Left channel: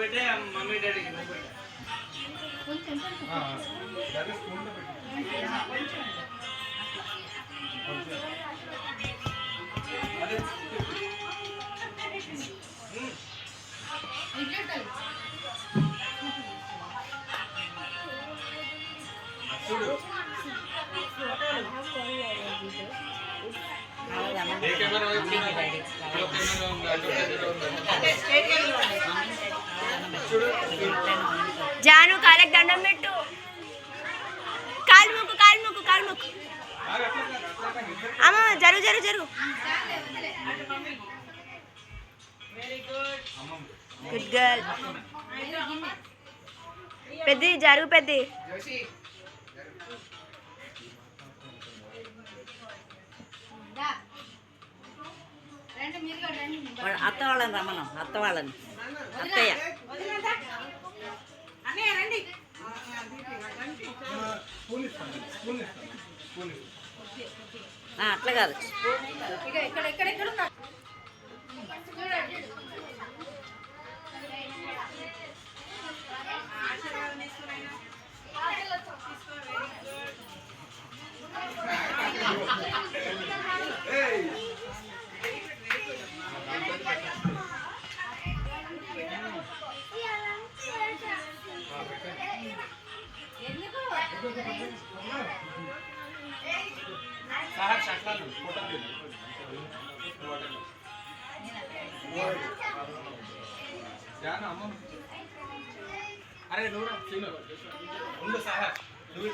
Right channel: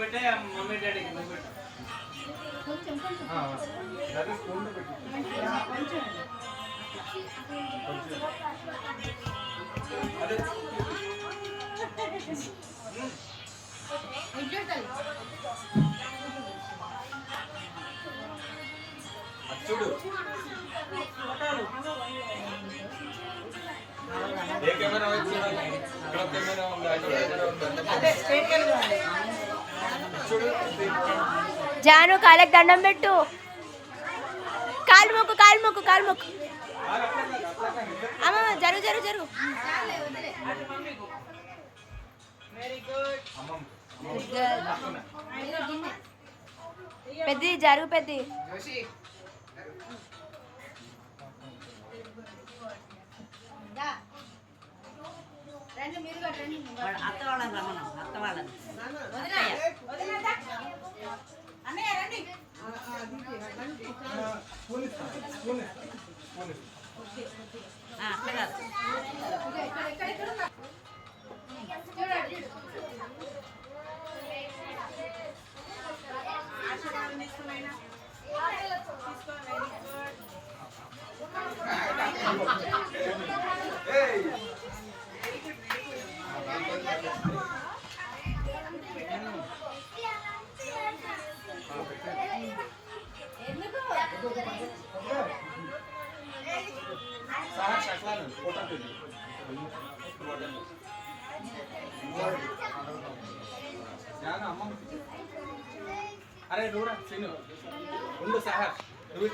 పెట్టే mummy daddy కింద పెట్టే జాను కాళ్ళకి దండం పెట్టు. కాలు మొక్కు కాలు మొక్కు కాలు మొక్కు. అమ్మ జరుగు జరుగు జరుగు. Good girl. పెద్ది జరుగు పెద్ది. అత్త వాళ్ళని రమ్మను, అత్త వాళ్ళని అట్లా కాదు. अरे दूर चीनो उंडू सहर दूर